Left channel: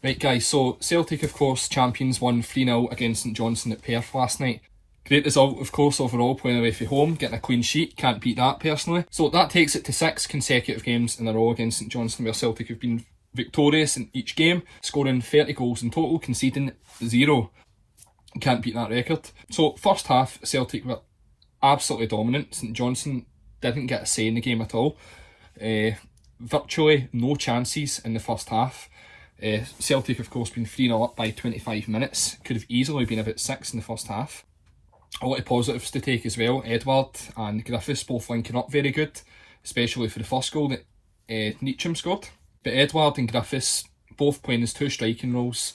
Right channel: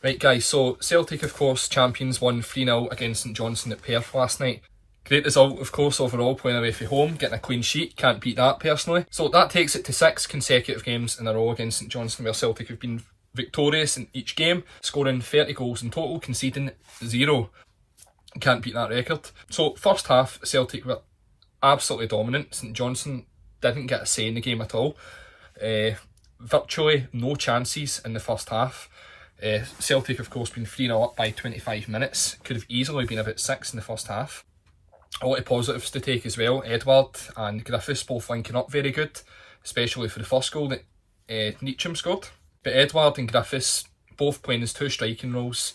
Right guys, so Celtic of course champions won 3-0 against St Johnstone at Perth last night. Great result of course overall, playing away from home, getting a clean sheet, can't beat that personally. So that takes it to 6 consecutive games in a row against St Johnstone where Celtic have been victorious in each game, scoring 30 goals in total, conceding 0. Can't beat that record. So first half, Celtic were absolutely dominant. St Johnstone didn't get a say in the game at all. Virtually no chances in the first half. Celtic of course been 3-0 up by 25 minutes. Could have easily been about 6 in the first half. A lot of positives to take as well. Edouard and Griffiths both linking up very good, especially for the first goal that Ntcham scored. But Edouard and Griffiths both playing as 2 striking roles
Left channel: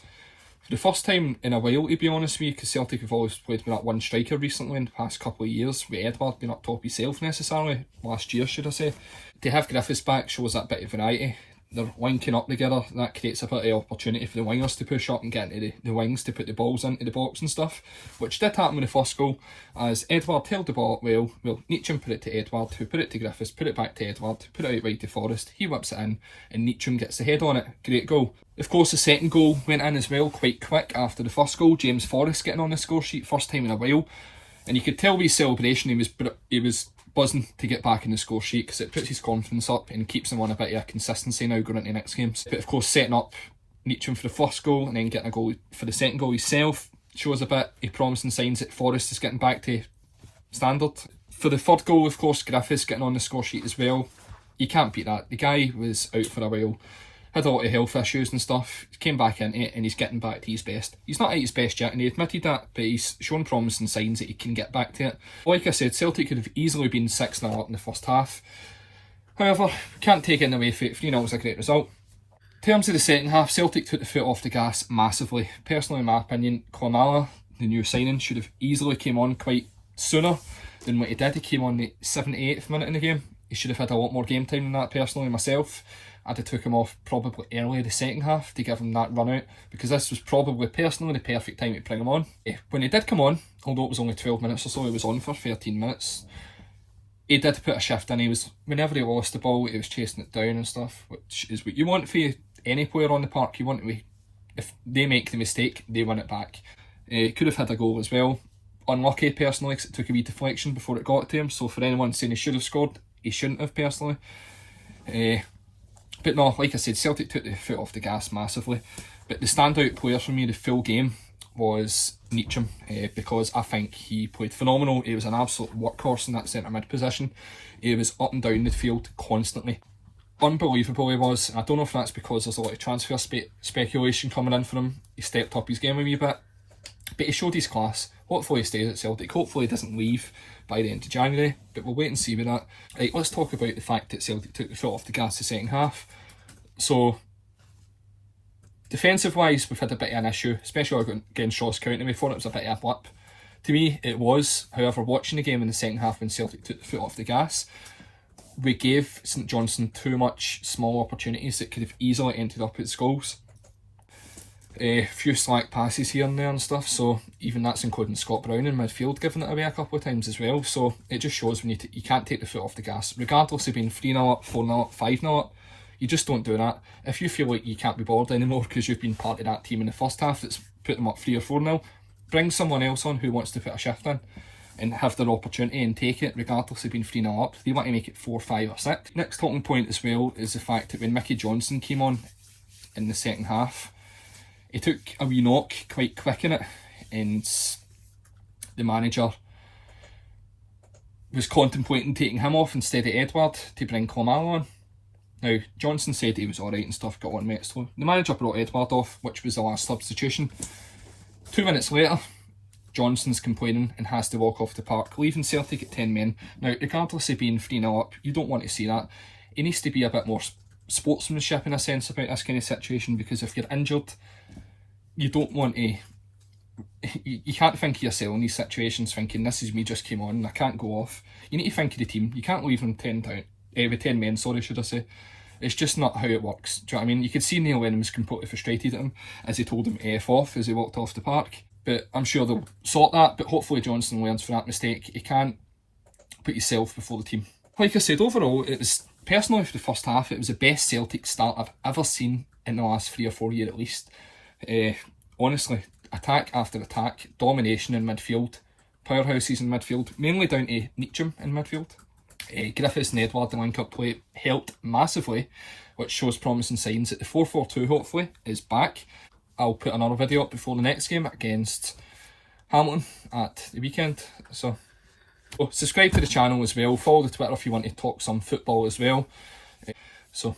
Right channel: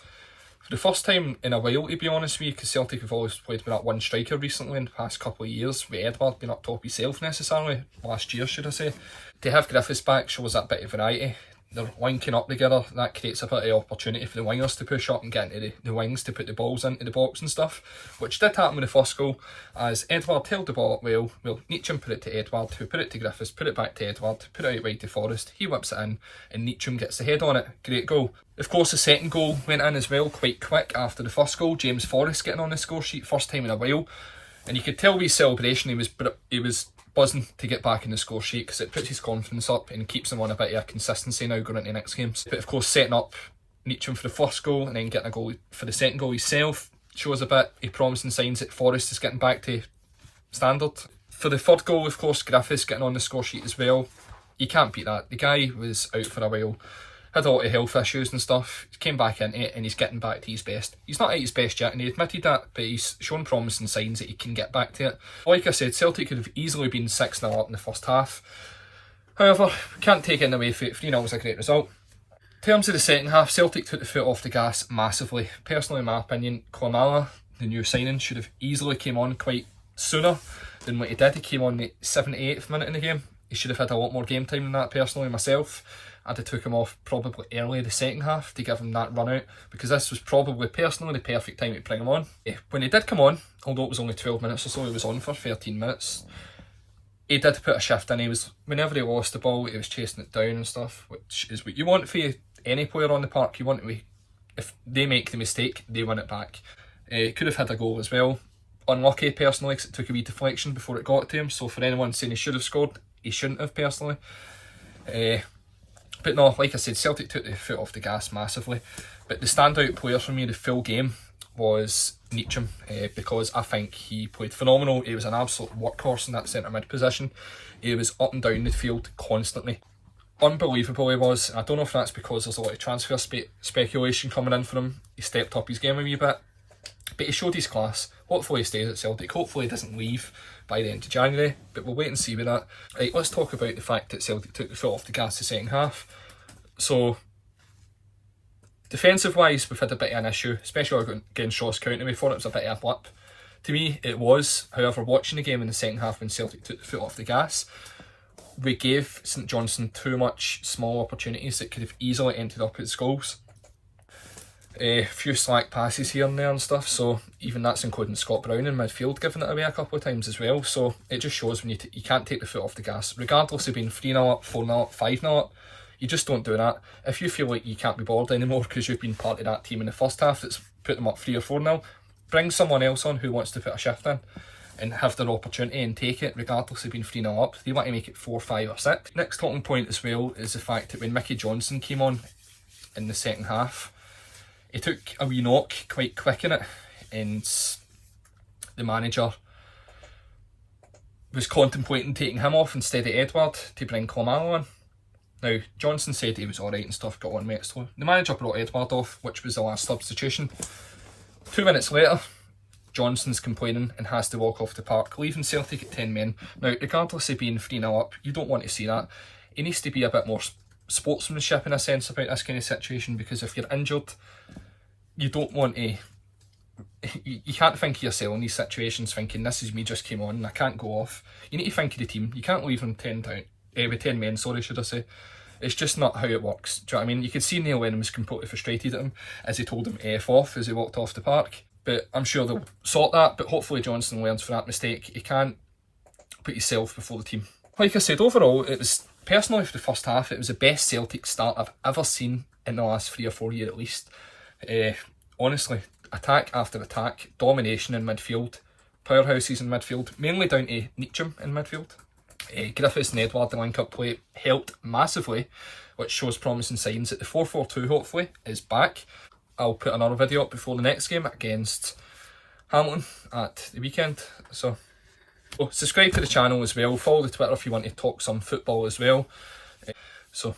for the first time in a while, to be honest with you, because Celtic have always played with that one striker recently in the past couple of years, with Edouard being up top himself necessarily, last year should I say. To have Griffiths back shows that bit of variety. They're linking up together, that creates a bit of opportunity for the wingers to push up and get into the wings to put the balls into the box and stuff, which did happen with the first goal, as Edouard held the ball up well. Ntcham put it to Edouard, who put it to Griffiths, put it back to Edouard, put it out wide to Forrest, he whips it in, and Ntcham gets the head on it. Great goal. Of course the second goal went in as well, quite quick after the first goal. James Forrest getting on the score sheet, first time in a while, and you could tell with his celebration he was buzzing to get back in the score sheet because it puts his confidence up and keeps him on a bit of a consistency now going into next games. But of course setting up Ntcham for the first goal and then getting a goal for the second goal himself shows a bit of promising signs that Forrest is getting back to standard. For the third goal of course Griffiths getting on the score sheet as well. You can't beat that. The guy was out for a while, had a lot of health issues and stuff, came back into it and he's getting back to his best. He's not at his best yet and he admitted that, but he's shown promising signs that he can get back to it. Like I said, Celtic could have easily been 6-0 up in the first half. However, can't take it away from it. 3-0 was a great result. In terms of the second half, Celtic took the foot off the gas massively. Personally, in my opinion, Klimala, the new signing, should have easily came on quite sooner than what he did. He came on the 78th minute in the game. He should have had a lot more game time than that personally myself. I'd have took him off probably early the second half to give him that run out, because this was probably personally the perfect time to bring him on. When he did come on, although it was only 12 minutes or so, he was on for 13 minutes. He did put a shift in. He was, whenever he lost the ball, he was chasing it down and stuff, which is what you want for any player on the park. You want to, if they make the mistake, they win it back. Could have had a goal as well. Unlucky personally because it took a wee deflection before it got to him, so for anyone saying he should have scored, he shouldn't have personally. But no, like I said, Celtic took the foot off the gas massively. But the standout player for me the full game was Ntcham, because I think he played phenomenal. He was an absolute workhorse in that centre mid position. He was up and down the field constantly. Unbelievable he was. I don't know if that's because there's a lot of transfer speculation coming in for him. He stepped up his game a wee bit. But he showed his class. Hopefully he stays at Celtic. Hopefully he doesn't leave by the end of January. But we'll wait and see with that. Right, let's talk about the fact that Celtic took the foot off the gas the second half. So, defensive wise, we've had a bit of an issue, especially against Ross County. We thought it was a bit of a blip. To me, it was. However, watching the game in the second half when Celtic took the foot off the gas, we gave St Johnstone too much small opportunities that could have easily ended up as goals. A few slack passes here and there and stuff, so even that's including Scott Brown in midfield giving it away a couple of times as well. So it just shows when you can't take the foot off the gas, regardless of being 3-0 up, 4-0 up, 5-0 up. You just don't do that. If you feel like you can't be bothered anymore because you've been part of that team in the first half that's put them up 3 or 4-0, bring someone else on who wants to put a shift in and have their opportunity and take it regardless of being 3-0 up. They want to make it 4, 5 or 6. Next talking point as well is the fact that when Mickey Johnson came on in the second half, he took a wee knock quite quick in it, and the manager was contemplating taking him off instead of Edouard to bring Klimala on. Now, Johnson said he was alright and stuff, got on with it, so the manager brought Edouard off, which was the last substitution. 2 minutes later, Johnson's complaining and has to walk off the park, leaving Celtic at 10 men. Now, regardless of being 3-0 up, you don't want to see that. It needs to be a bit more sportsmanship in a sense about this kind of situation, because if you're injured, you don't want to... You can't think of yourself in these situations thinking, this is me just came on and I can't go off. You need to think of the team. You can't leave them with 10 men, should I say. It's just not how it works. Do you know what I mean? You could see Neil Lennon was completely frustrated at him as he told him F off as he walked off the park. But I'm sure they'll sort that, but hopefully Johnson learns from that mistake. You can't put yourself before the team. Like I said, overall, it was Personally, for the first half, it was the best Celtic start I've ever seen in the last 3 or 4 years at least. Honestly, attack after attack, domination in midfield, powerhouses in midfield, mainly down to Ntcham in midfield. Griffiths and Edward, the link-up play, helped massively, which shows promising signs that the 4-4-2 hopefully is back. I'll put another video up before the next game against Hamilton at the weekend. So subscribe to the channel as well, follow the Twitter if you want to talk some football as well. So